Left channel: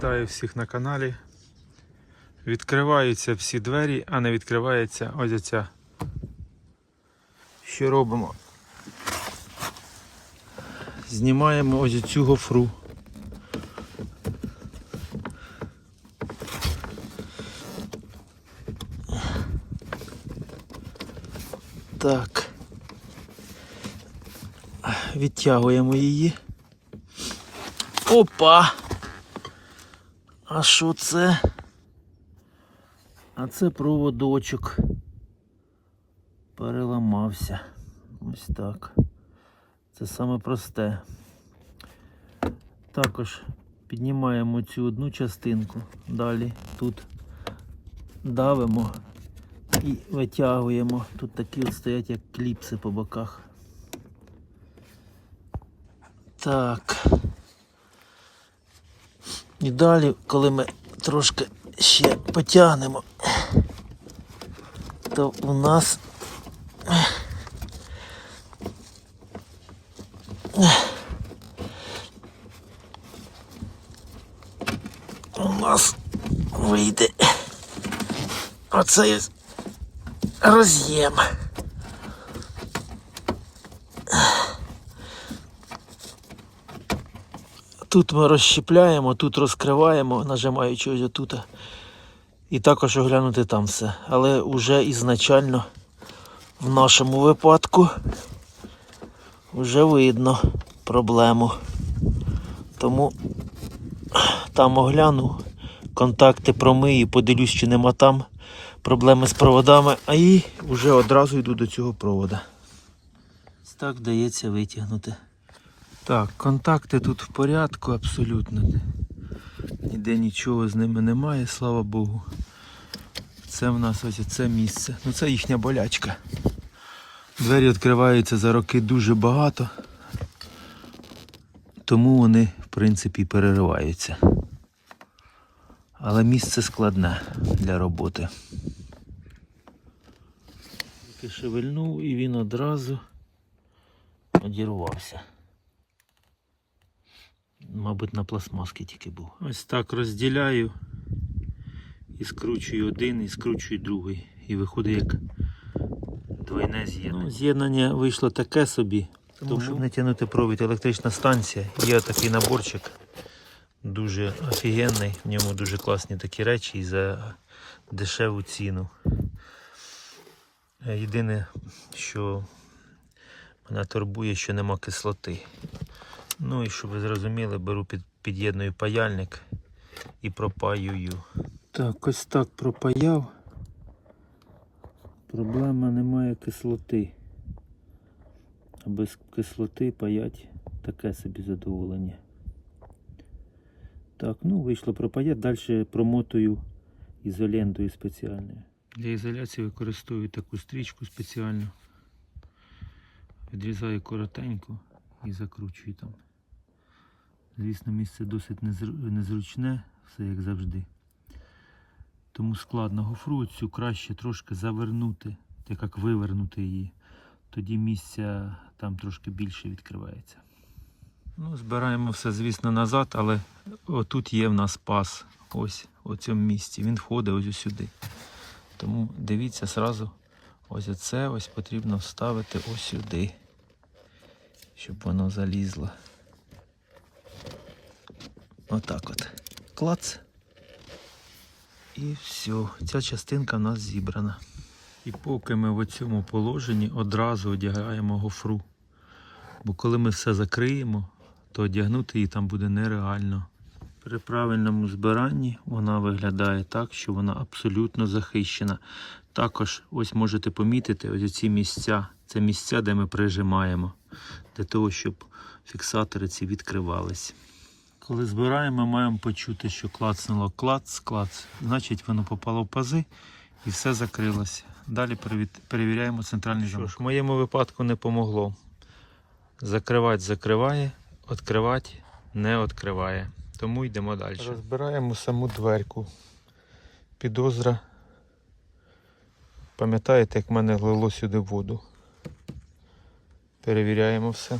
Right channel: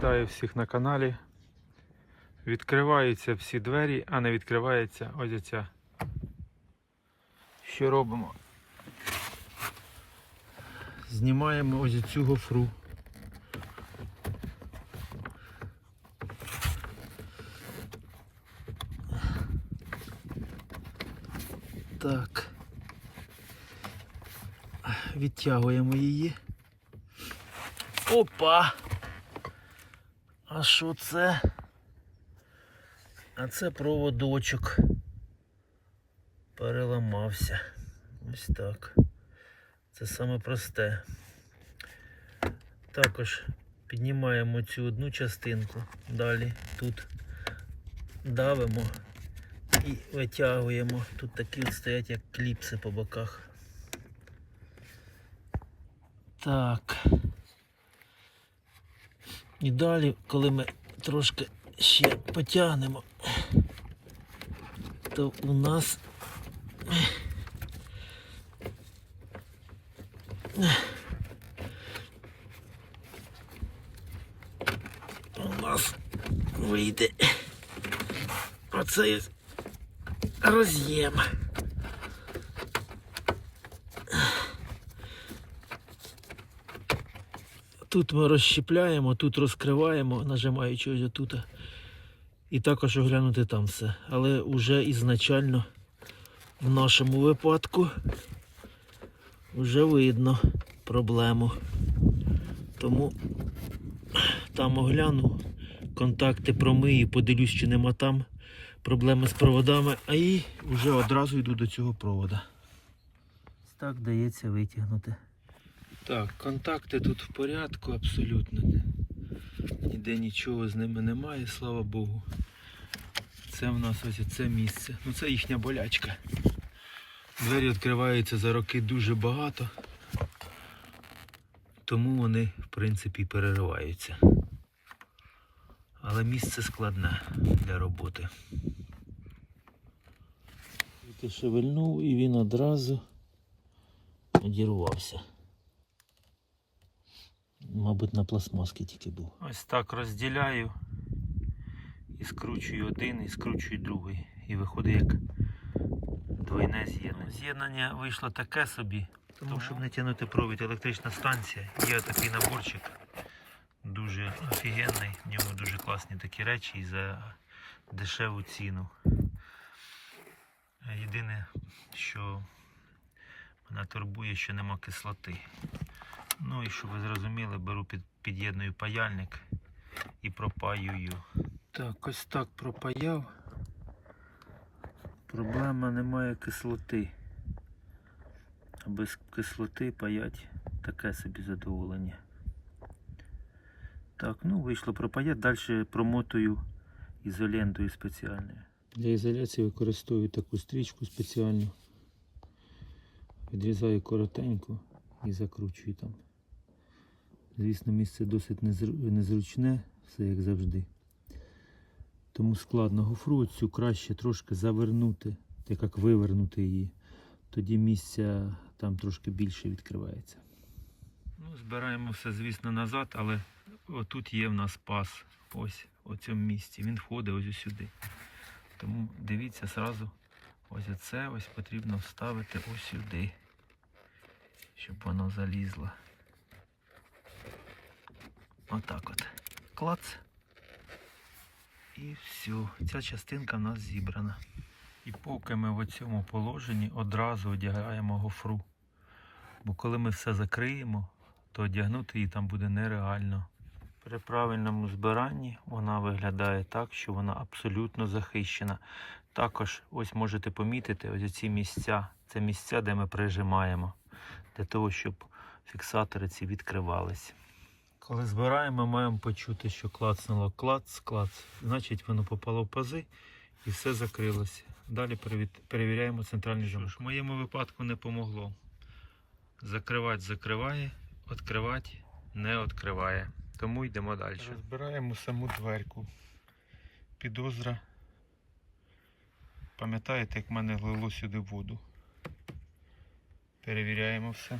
Вітаю всіх на каналі. Відкриваються всі двері, а не відкривається ось ця. Що робимо? Знімаємо ось цю гофру. Так. Відтягуємо її. Опа! А що це? А це проводочок. Переламався. Ось так. Це саме просте. Також піднімаємо цю одну частинку. Далі тут давимо і витягуємо. Тут такі от стоять як кліпси по боках. Так. І далі, коли ми трошки ще потягнемо, то у нас вийде оцей роз'єм. Тут ми розщіпляємо, тут розкриваємо, нажимаючи ось отут. І також оглянути там все. Але вже ізначально в нашому випадку вже видно проблему. Тому там огляну, контакти промию, подивлюсь, чи нема там проблеми з проводами, а і вже одразу йду до цього провода. Ось так вдається витягнути. Так, контакти тут в порядку абсолютно. Ніде нічого з ними немає, слава Богу. Це в нас ось це місце. Ну це їхня болячка. Двері відкриваються за роки дуже багато. Тому вони, в принципі, перериваються. Але місце складне для роботи. Тільки шевельнув і він одразу одірвався. Мабуть, на пластмаски тільки був. Ось так розділяю і скручую один, і скручую другий. І виходить як двойне з'єднання. Ну, з'єднання вийшло таке собі, тому щоб не тягнути провід, електрична станція. Є такий наборчик, дуже офігенний, в ньому дуже класні такі речі і за дешеву ціну. Єдине, що мене турбує, що нема кислоти. Ну і щоб ви зрозуміли, беру під'єдную паяльник і пропаюю. Так, ось так пропаяв. Проблема, немає кислоти. А без кислоти паять таке собі задоволення. Так, ну вийшло пропаяти. Далі промотую ізолентою спеціальною. Для ізоляції використовую таку стрічку спеціальну. Відрізаю коротенько і закручую там. Звісно, місце досить незручне, все як завжди. Тому складно гофру цю краще трошки завернути, так як вивернути її. Тоді місця там трошки більше відкривається. Ну, збираємо все, звісно, назад, але отут є в нас паз. Ось у цьому місці. Він входить ось сюди. Тому дивіться зразу, ось це ось потрібно вставити ось сюди, щоб воно залізло. Отак от. Клац. І все. Ця частинка в нас зібрана. І поки ми в цьому положенні одразу одягаємо гофру. Бо коли ми все закриємо, то одягнути її там буде нереально. При правильному збиранні вона виглядає так, що вона абсолютно захищена. Також ось можете помітити ось ці місця. Це місця, де ми прижимаємо. Для того, щоб фіксатори ці відкривались. Коли збираємо, маємо почути, що клацнуло клац. Значить, воно попало в пази і все закрилося. Далі перевіряємо центральний замок. В моєму випадку не помогло. Закривати закриває, відкривати не відкриває. Тому йдемо далі. Розбираємо саму дверку. Підозра. Пам'ятаєте, як в мене лило сюди воду. Перевіряємо все.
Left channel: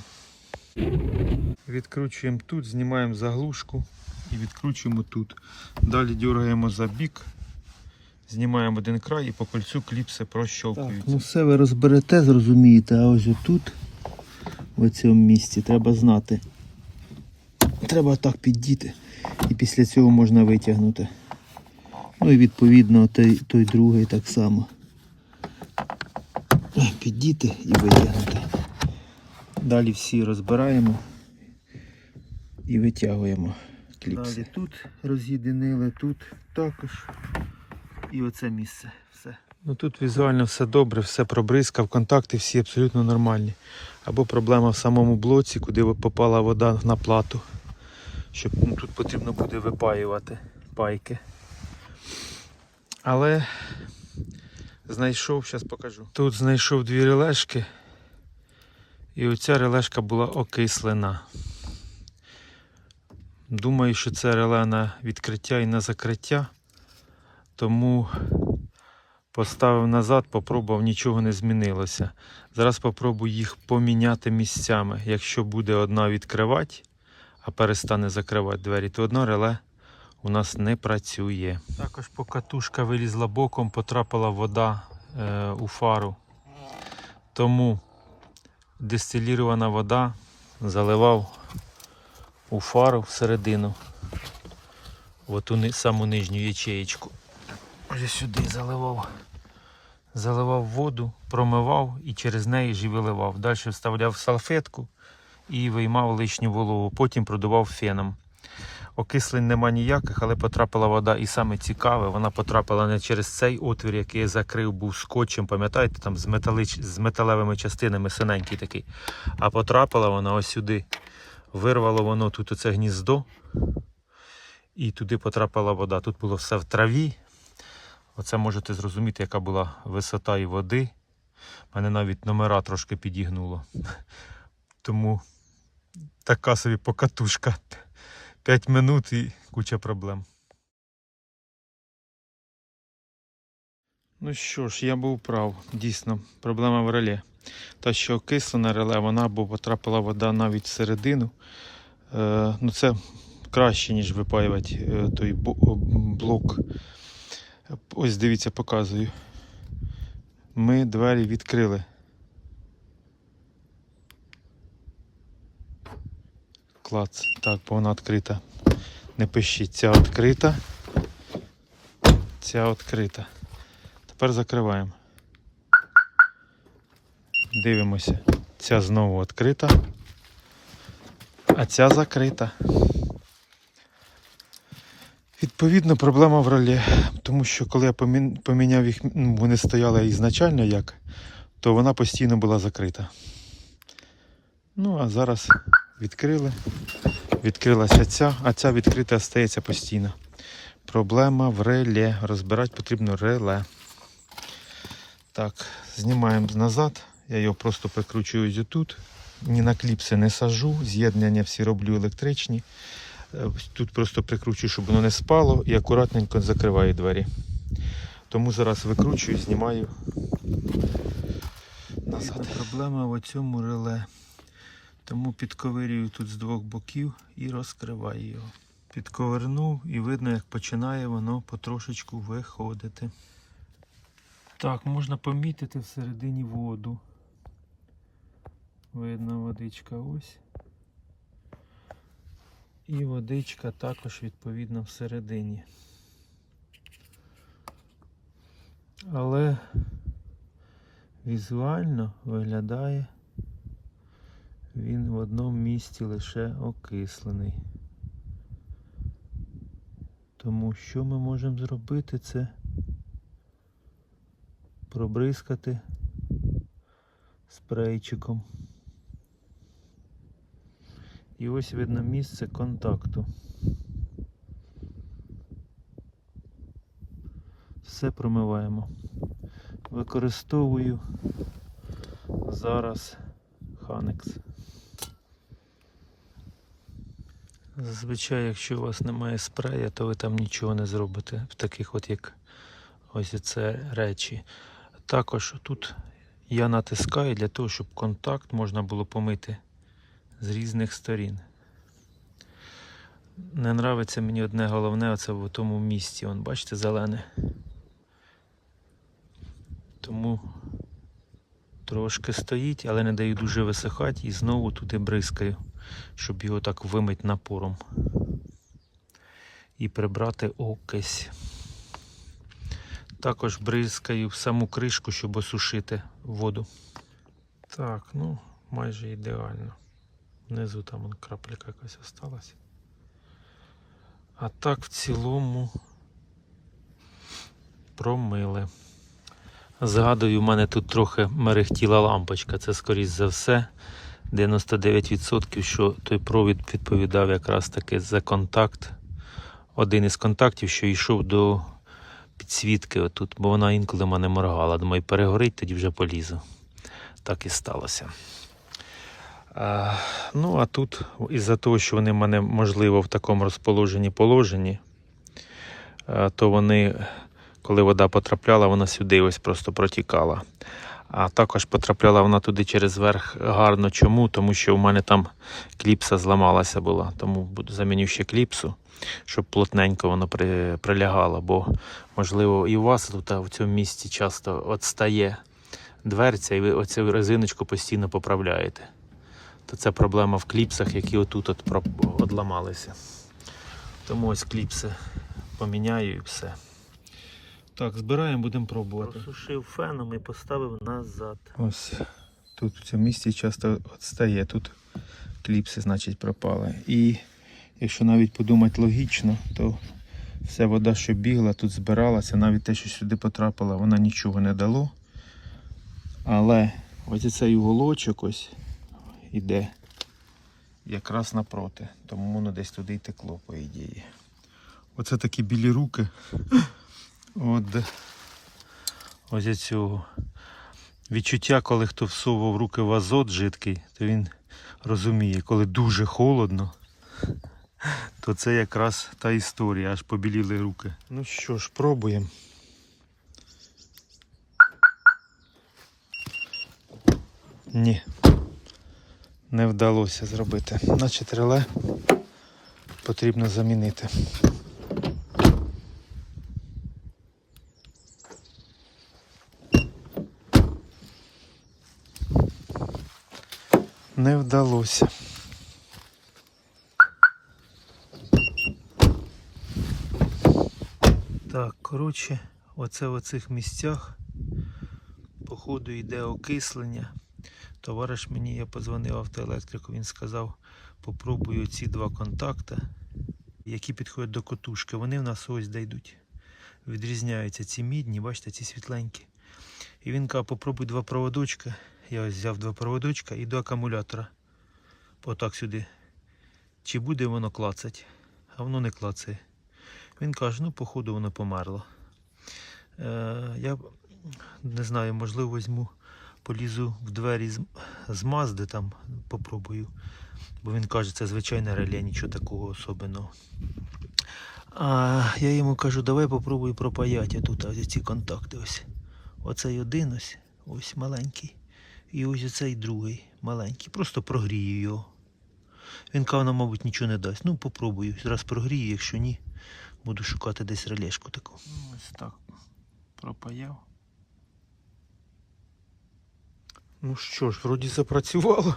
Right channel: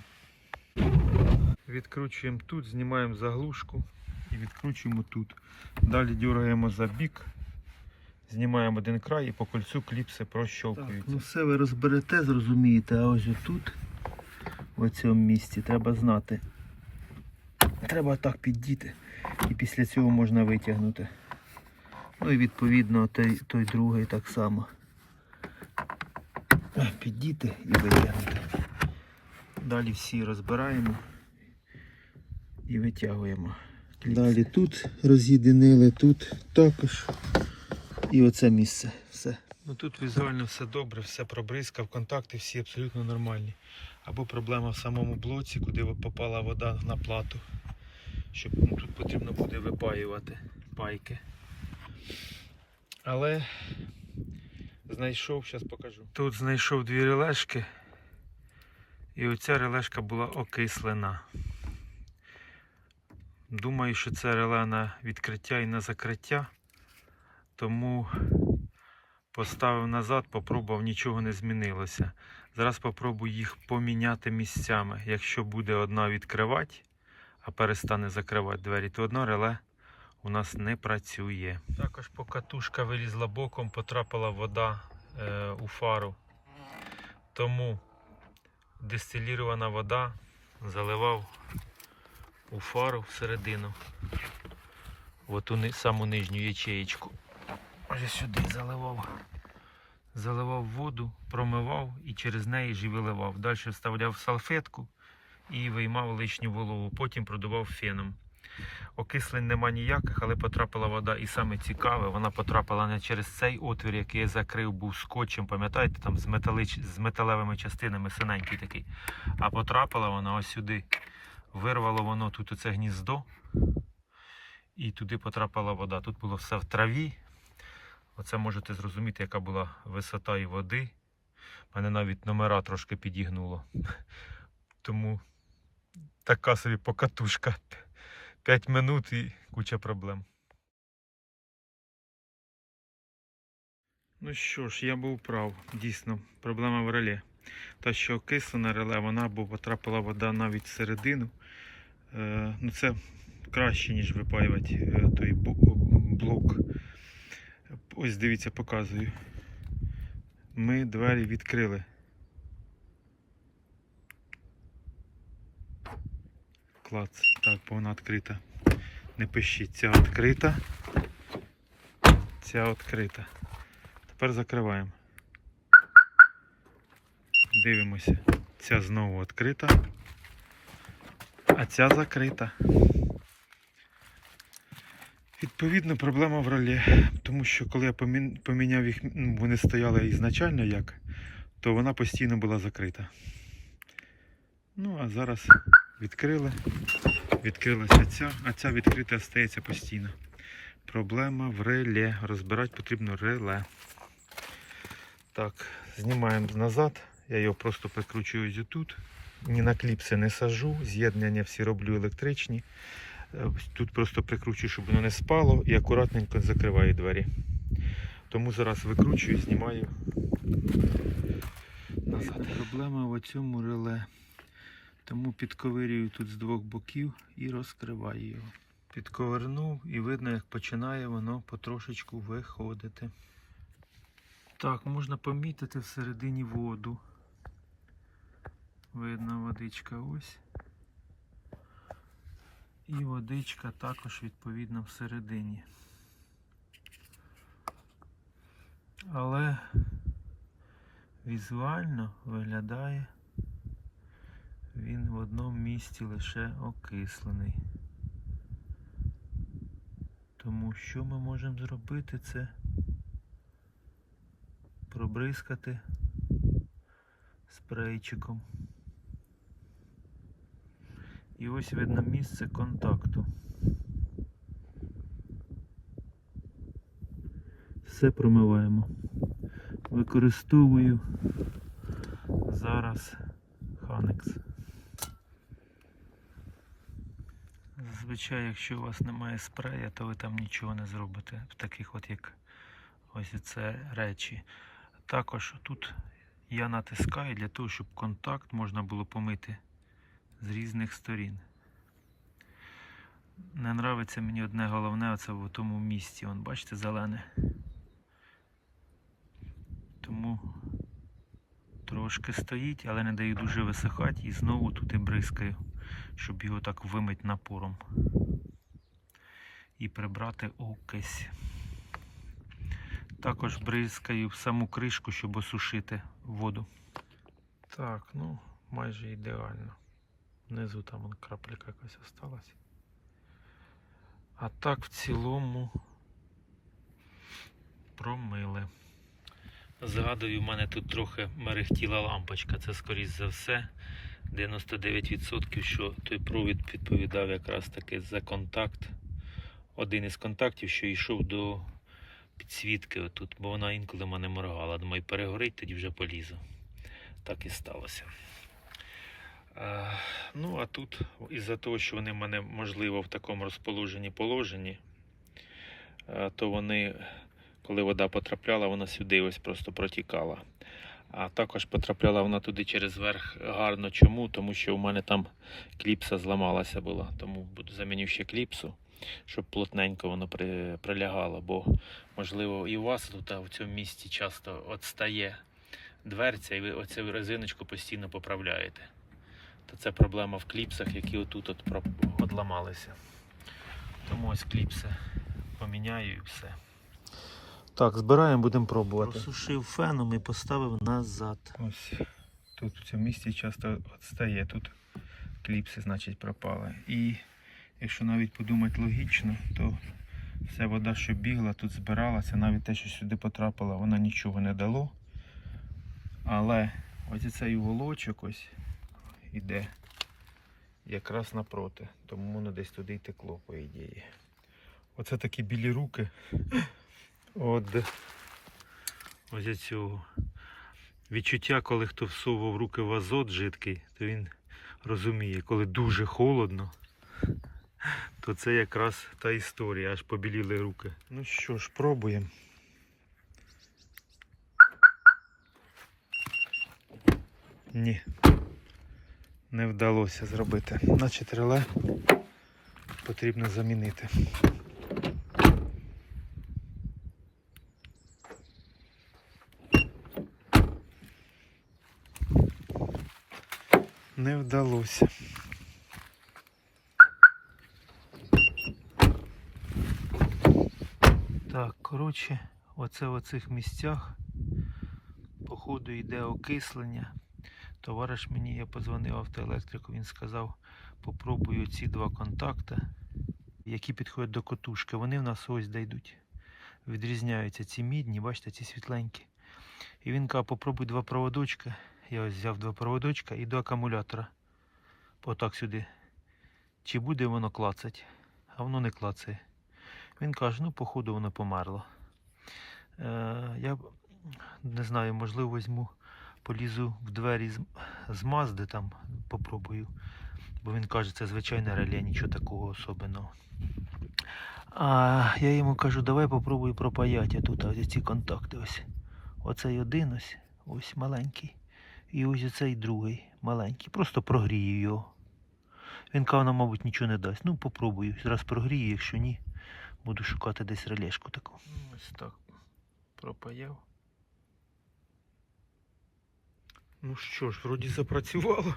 Відкручуємо тут, знімаємо заглушку і відкручуємо тут. Далі дергаємо за бік, знімаємо один край і по кольцю кліпси прощолкуються. Ну все ви розберете, зрозумієте, а ось отут, в цьому місці, треба знати. Треба так піддіти і після цього можна витягнути. Ну і відповідно той другий так само. Піддіти і витягнути. Далі всі розбираємо і витягуємо. Далі тут роз'єдинили, тут також. І оце місце. Все. Ну тут візуально все добре, все пробризкав, контакти всі абсолютно нормальні. Або проблема в самому блоці, куди попала вода на плату. Щоб тут потрібно буде випаювати пайки. Але знайшов, зараз покажу. Тут знайшов дві релешки. І оця релешка була окислена. Думаю, що це реле на відкриття і на закриття. Тому поставив назад, попробував, нічого не змінилося. Зараз попробую їх поміняти місцями. Якщо буде одна відкривати, а перестане закривати двері, то одне реле у нас не працює. Також покатушка вилізла боком, потрапила вода у фару. Тому дистилірована вода заливав у фару всередину. В ту саму нижню ячеєчку. Вже сюди заливав воду, промивав і через неї ж і виливав. Далі вставляв салфетку і виймав лишню вологу. Потім продував феном. Окислень нема ніяких, але потрапила вода. І саме цікаве, вона потрапила не через цей отвір, який я закрив, був скотчем, пам'ятаєте, там з металевими частинами, синенький такий. А потрапила вона ось сюди. Вирвало воно тут оце гніздо. І туди потрапила вода. Тут було все в траві. Оце можете зрозуміти, яка була висота і води. Мене навіть номера трошки підігнуло. Тому така собі покатушка. 5 минут і куча проблем. Ну що ж, я був прав. Дійсно, проблема в реле. Та, що окислена реле, вона або потрапила вода навіть всередину. Ну це краще, ніж випаювати той блок. Ось дивіться, показую. Ми двері відкрили. Клац. Так, бо вона відкрита. Не пишіть, ця відкрита. Ця відкрита. Тепер закриваємо. Дивимося. Ця знову відкрита. А ця закрита. Відповідно, проблема в реле. Тому що коли я поміняв їх, вони стояли ізначально як, то вона постійно була закрита. Ну, а зараз відкрили. Відкрилася ця, а ця відкрита стається постійно. Проблема в реле. Розбирати потрібно реле. Так, знімаємо назад. Я його просто прикручую ось тут. Ні на кліпси не сажу. З'єднання всі роблю електричні. Тут просто прикручую, щоб воно не спало, і акуратненько закриваю двері. Тому зараз викручую, знімаю назад. Проблема в цьому реле. Тому підковирюю тут з двох боків і розкриваю його. Підковернув і видно, як починає воно потрошечку виходити. Так, можна помітити всередині воду. Видно, водичка ось. І водичка також відповідно всередині. Але візуально виглядає він в одному місці лише окислений. Тому що ми можемо зробити, це пробризкати спрейчиком. І ось видно місце контакту. Все промиваємо. Використовую зараз Ханекс. Зазвичай, якщо у вас немає спрея, то ви там нічого не зробите в таких от як ось це речі. Також тут я натискаю для того, щоб контакт можна було помити з різних сторін. Не нравиться мені одне головне, оце в тому місці. Вон, бачите, зелене. Тому трошки стоїть, але не даю дуже висихати і знову туди бризкаю, щоб його так вимить напором. І прибрати окись. Також бризкаю в саму кришку, щоб осушити воду. Так, ну, майже ідеально. Внизу там вон крапелька якась осталась. А так в цілому промили. Згадую, в мене тут трохи мерехтіла лампочка. Це, скоріш за все, 99%, що той провід відповідав якраз таки за контакт. Один із контактів, що йшов до підсвітки отут, бо вона інколи в мене моргала. Думаю, перегорить, тоді вже полізу. Так і сталося. Ну, а тут, із-за того, що вони в мене, можливо, в такому положенні, то вони, коли вода потрапляла, вона сюди ось просто протікала. А також потрапляла вона туди через верх гарно. Чому? Тому що в мене там кліпса зламалася була. Тому заміню ще кліпсу, щоб плотненько воно прилягало. Бо, можливо, і у вас тут в цьому місці часто отстає дверця, і ви оцю резиночку постійно поправляєте. То це проблема в кліпсах, які отут одламалися. Тому ось кліпси поміняю і все. Так, збираємо, будемо пробувати. Просушив феном і поставив назад. Ось тут в цьому місці часто відстає, тут кліпси, значить, пропали. І якщо навіть подумати логічно, то вся вода, що бігла, тут збиралася, навіть те, що сюди потрапило, вона нічого не дало. Але ось цей уголочок ось іде якраз напроти, тому воно десь туди й текло, по ідеї. Оце такі білі руки. Ось цього відчуття, коли хто всовував руки в азот жидкий, то він розуміє, коли дуже холодно, то це якраз та історія, аж побіліли руки. Ну що ж, пробуємо. Ні, не вдалося зробити. Значить, реле потрібно замінити. Не вдалося. Так, коротше, оце в оцих місцях походу йде окислення. Товариш мені, я подзвонив автоелектрику, він сказав, попробую ці два контакти, які підходять до котушки. Вони в нас ось де йдуть. Відрізняються ці мідні, бачите, ці світленькі. І він каже, попробуй два проводочка. Я ось взяв два проводочка і до акумулятора. Отак сюди. Чи буде воно клацать? А воно не клацає. Він каже, ну походу воно померло. Я не знаю, можливо візьму, полізу в двері з Мазди там, попробую. Бо він каже, це звичайне реле, нічого такого особенного. А я йому кажу, давай попробую пропаяти тут ось ці контакти. Ось. Оцей один ось маленький. І ось оцей другий маленький. Просто прогрію його. Він каже, нам, мабуть, нічого не дасть. Ну, попробую. Зараз прогрію, якщо ні, буду шукати десь релешку таку. Ось так. Пропаяв. Ну що ж, вроді запрацювало.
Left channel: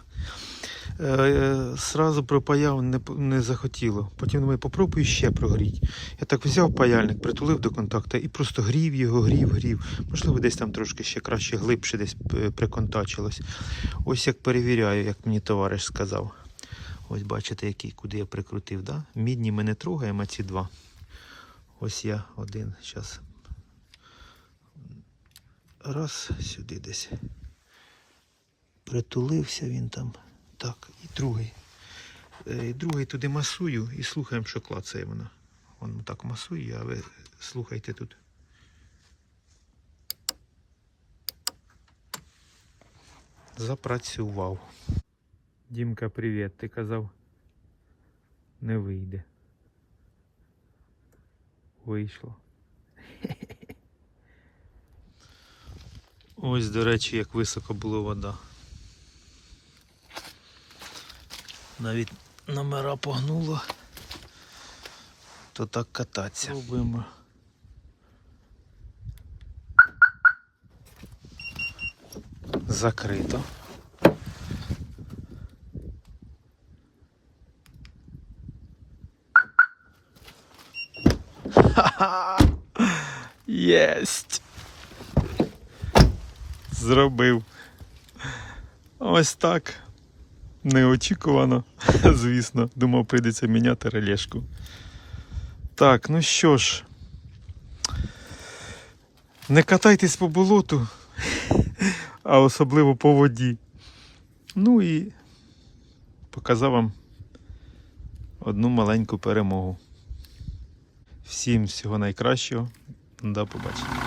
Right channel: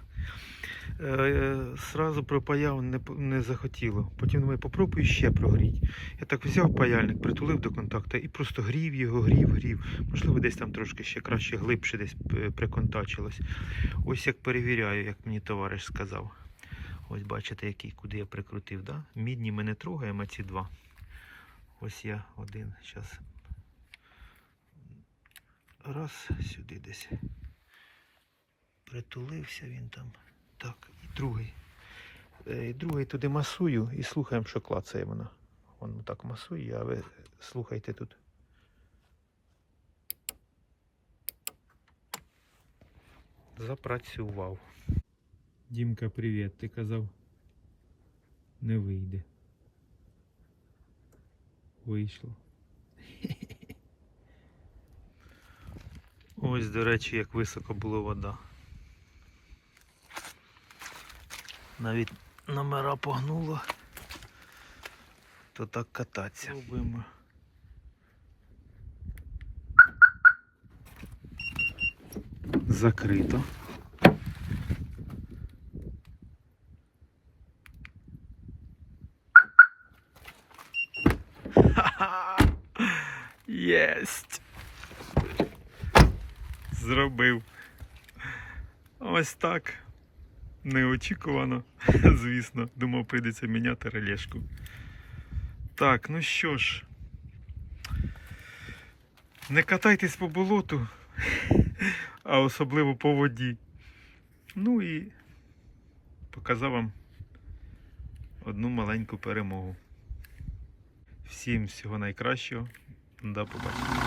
Сразу пропаяв, не захотіло. Потім думаю, попробую ще прогріти. Я так взяв паяльник, притулив до контакта і просто грів його, грів. Можливо, десь там трошки ще краще, глибше десь приконтачилось. Ось як перевіряю, як мені товариш сказав. Ось бачите, який, куди я прикрутив. Да? Мідні ми не трогаємо, а ці два. Ось я один. Зараз. Раз, сюди десь. Притулився він там. Так, і другий. Другий туди масую і слухаємо, що клацає вона. Воно так масує, а ви слухайте тут. Запрацював. Дімка, привіт. Ти казав, не вийде. Вийшло. Ось, до речі, як високо була вода. Навіть номера погнуло. то так кататися. Пробуємо. Закрито. Ха-ха! Єсть! Зробив. Ось так. Неочікувано, звісно. Думав, прийдеться міняти релешку. Так, ну що ж. Не катайтесь по болоту, а особливо по воді. Ну і показав вам одну маленьку перемогу. Всім всього найкращого. До побачення.